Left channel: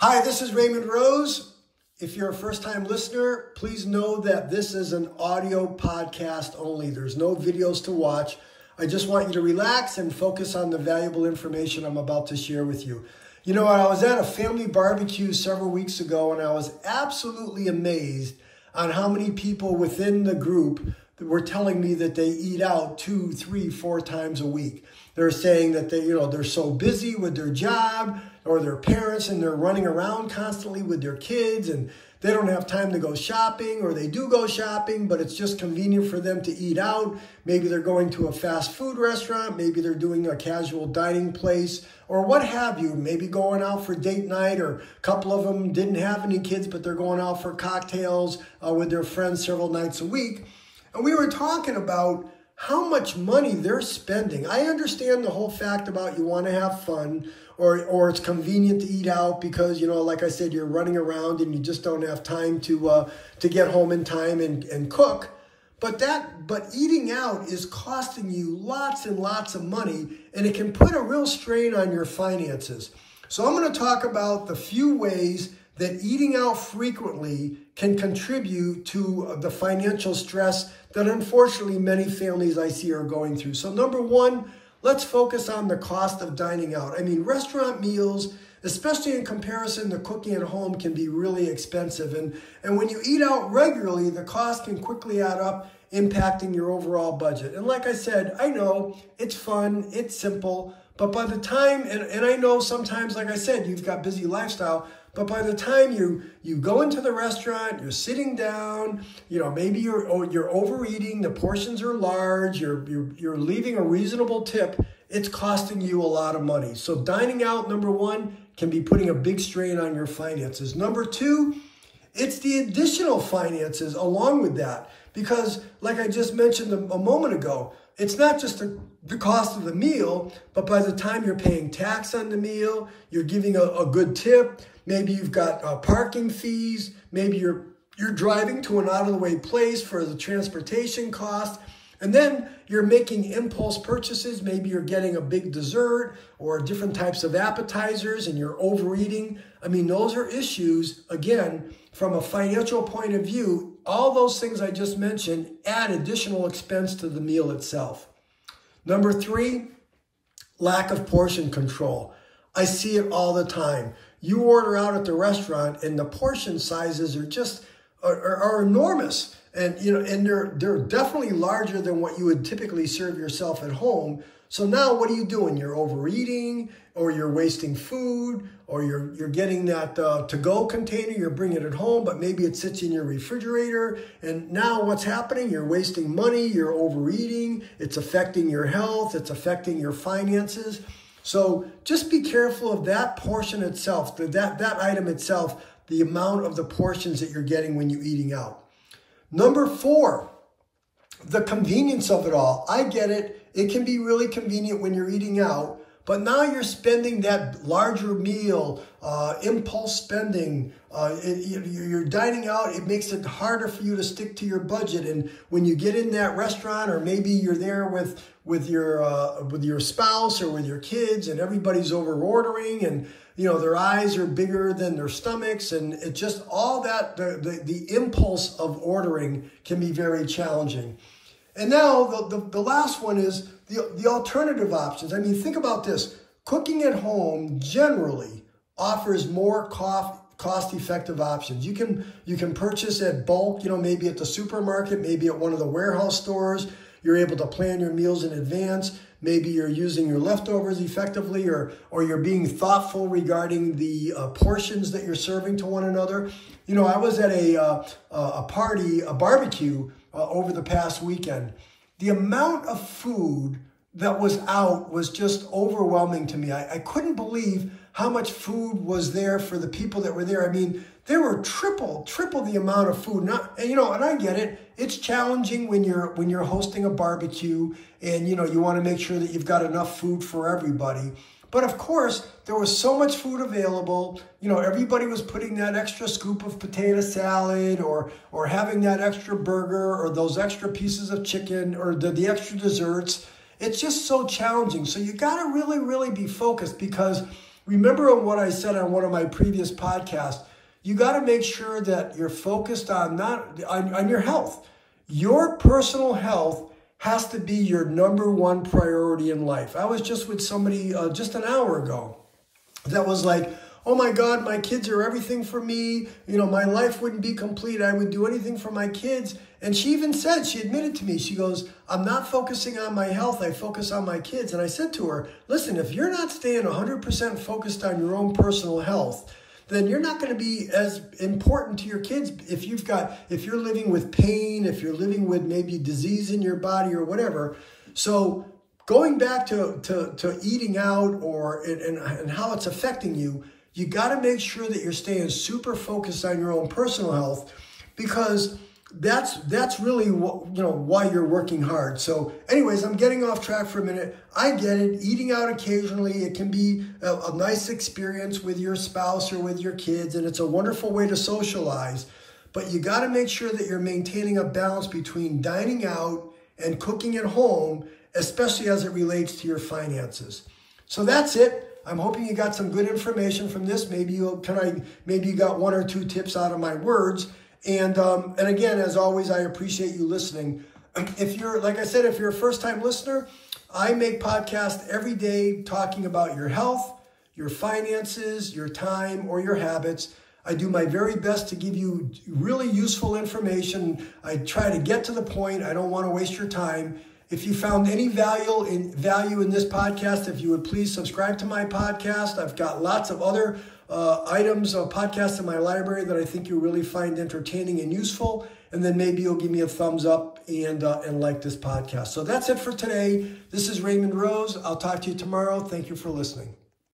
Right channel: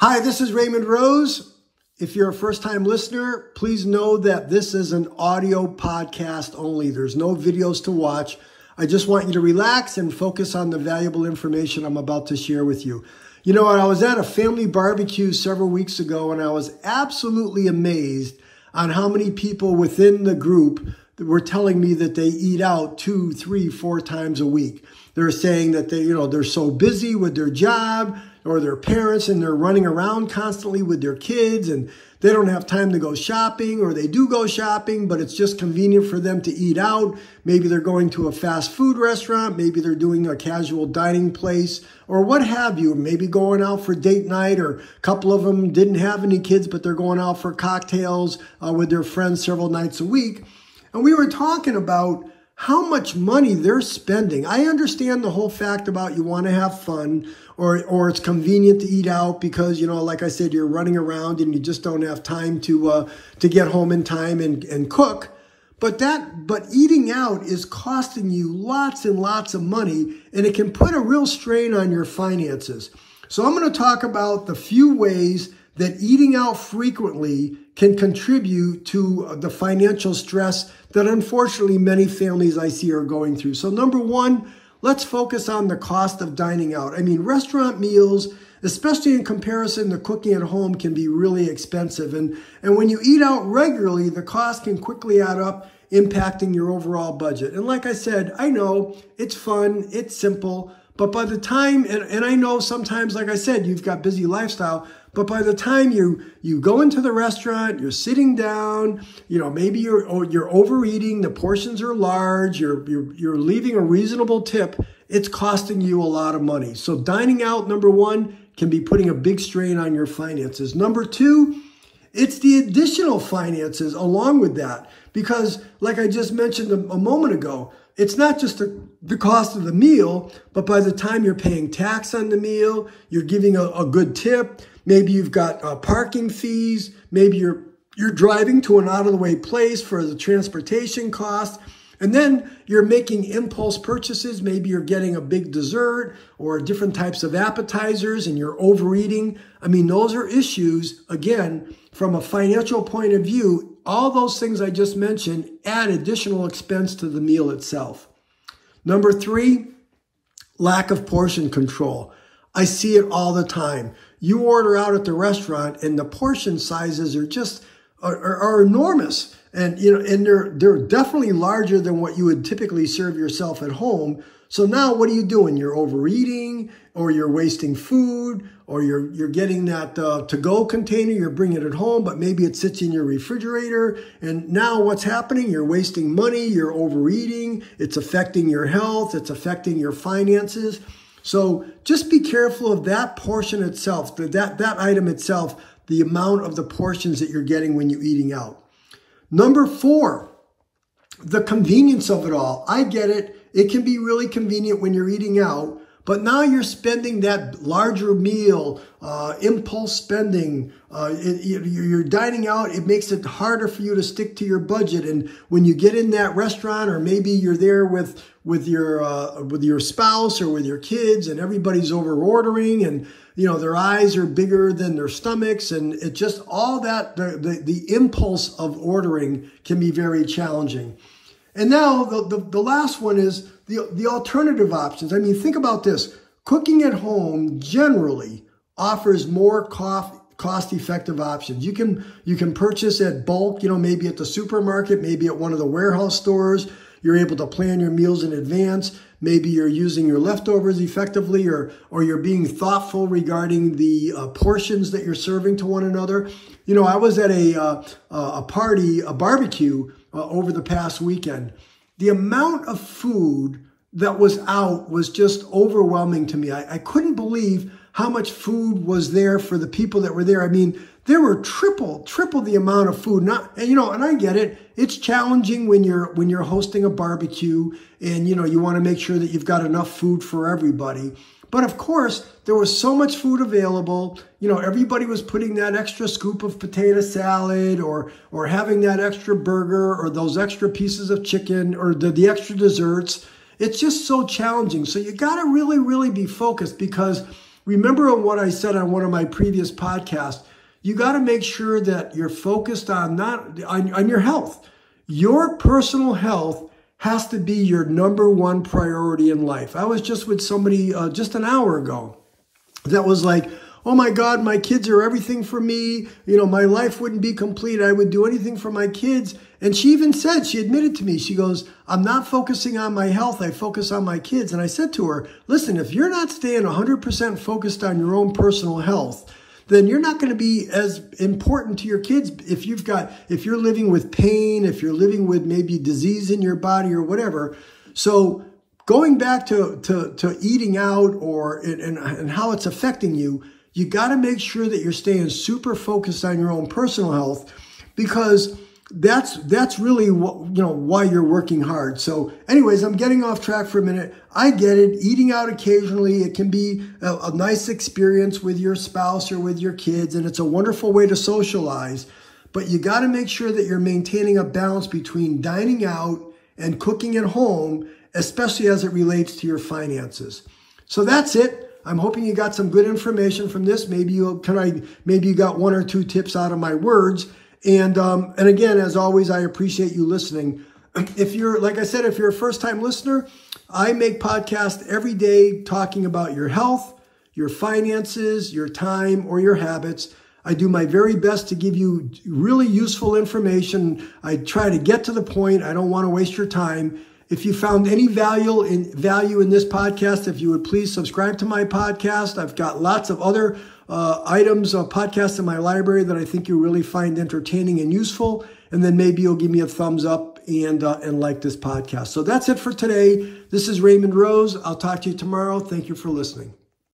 Hi, this is Raymond Rose. If you're a first-time listener, please know that this is an audio podcast only. There's no videos to watch. I just want you to relax and focus on the valuable information I'm about to share with you. You know, I was at a family barbecue several weeks ago, and I was absolutely amazed on how many people within the group were telling me that they eat out 2, 3, 4 times a week. They're saying that they're so busy with their job or their parents, and they're running around constantly with their kids, and they don't have time to go shopping, or they do go shopping, but it's just convenient for them to eat out. Maybe they're going to a fast food restaurant. Maybe they're doing a casual dining place, or what have you. Maybe going out for date night, or a couple of them didn't have any kids, but they're going out for cocktails with their friends several nights a week. And we were talking about how much money they're spending. I understand the whole fact about you want to have fun, or it's convenient to eat out because, like I said, you're running around and you just don't have time to get home in time and cook. But eating out is costing you lots and lots of money, and it can put a real strain on your finances. So I'm going to talk about the few ways that eating out frequently can contribute to the financial stress that unfortunately many families I see are going through. So number one, let's focus on the cost of dining out. I mean, restaurant meals, especially in comparison to cooking at home, can be really expensive. And when you eat out regularly, the cost can quickly add up, impacting your overall budget. And like I said, I know it's fun, it's simple, but by the time, and I know sometimes, like I said, you've got busy lifestyle, but by the time you go into the restaurant, you're sitting down, maybe you're overeating, the portions are large, you're leaving a reasonable tip, it's costing you a lot of money. So dining out, number one, can be putting a big strain on your finances. Number two, it's the additional finances along with that. Because like I just mentioned a moment ago, it's not just the cost of the meal, but by the time you're paying tax on the meal, you're giving a good tip, maybe you've got parking fees, maybe you're driving to an out-of-the-way place for the transportation cost, and then you're making impulse purchases. Maybe you're getting a big dessert or different types of appetizers and you're overeating. I mean, those are issues, again, from a financial point of view. All those things I just mentioned add additional expense to the meal itself. Number three, lack of portion control. I see it all the time. You order out at the restaurant and the portion sizes are just are enormous. And they're definitely larger than what you would typically serve yourself at home. So now what are you doing? You're overeating, or you're wasting food, or you're getting that to-go container, you're bringing it home, but maybe it sits in your refrigerator. And now what's happening? You're wasting money, you're overeating, it's affecting your health, it's affecting your finances. So just be careful of that portion itself, that item itself, the amount of the portions that you're getting when you're eating out. Number four, the convenience of it all. I get it. It can be really convenient when you're eating out, but now you're spending that larger meal, impulse spending, you're dining out, it makes it harder for you to stick to your budget. And when you get in that restaurant, or maybe you're there with your spouse or with your kids, and everybody's over ordering, and their eyes are bigger than their stomachs, and it just all that, the impulse of ordering can be very challenging. And now the last one is the alternative options. I mean, think about this. Cooking at home generally offers more cost-effective options. You can purchase at bulk, maybe at the supermarket, maybe at one of the warehouse stores. You're able to plan your meals in advance. Maybe you're using your leftovers effectively, or you're being thoughtful regarding the portions that you're serving to one another. I was at a party, a barbecue, over the past weekend. The amount of food that was out was just overwhelming to me. I couldn't believe how much food was there for the people that were there. I mean, there were triple the amount of food. And I get it. It's challenging when you're hosting a barbecue, and you want to make sure that you've got enough food for everybody. But of course, there was so much food available. Everybody was putting that extra scoop of potato salad, or having that extra burger, or those extra pieces of chicken, or the extra desserts. It's just so challenging. So you got to really, really be focused, because remember what I said on one of my previous podcasts. You got to make sure that you're focused on on your health. Your personal health has to be your number one priority in life. I was just with somebody just an hour ago that was like, oh my God, my kids are everything for me. You know, my life wouldn't be complete. I would do anything for my kids. And she even said, she admitted to me, she goes, I'm not focusing on my health. I focus on my kids. And I said to her, listen, if you're not staying 100% focused on your own personal health, then you're not going to be as important to your kids. If you're living with pain, if you're living with maybe disease in your body or whatever. So going back to eating out and how it's affecting you, you got to make sure that you're staying super focused on your own personal health, because that's really why you're working hard. So anyways, I'm getting off track for a minute. I get it. Eating out occasionally, it can be a nice experience with your spouse or with your kids, and it's a wonderful way to socialize. But you got to make sure that you're maintaining a balance between dining out and cooking at home, especially as it relates to your finances. So that's it. I'm hoping you got some good information from this. Maybe you got one or two tips out of my words. And again, as always, I appreciate you listening. If you're, like I said, if you're a first-time listener, I make podcasts every day talking about your health, your finances, your time, or your habits. I do my very best to give you really useful information. I try to get to the point. I don't want to waste your time. If you found any value in this podcast, if you would please subscribe to my podcast. I've got lots of other podcasts in my library that I think you'll really find entertaining and useful. And then maybe you'll give me a thumbs up and like this podcast. So that's it for today. This is Raymond Rose. I'll talk to you tomorrow. Thank you for listening.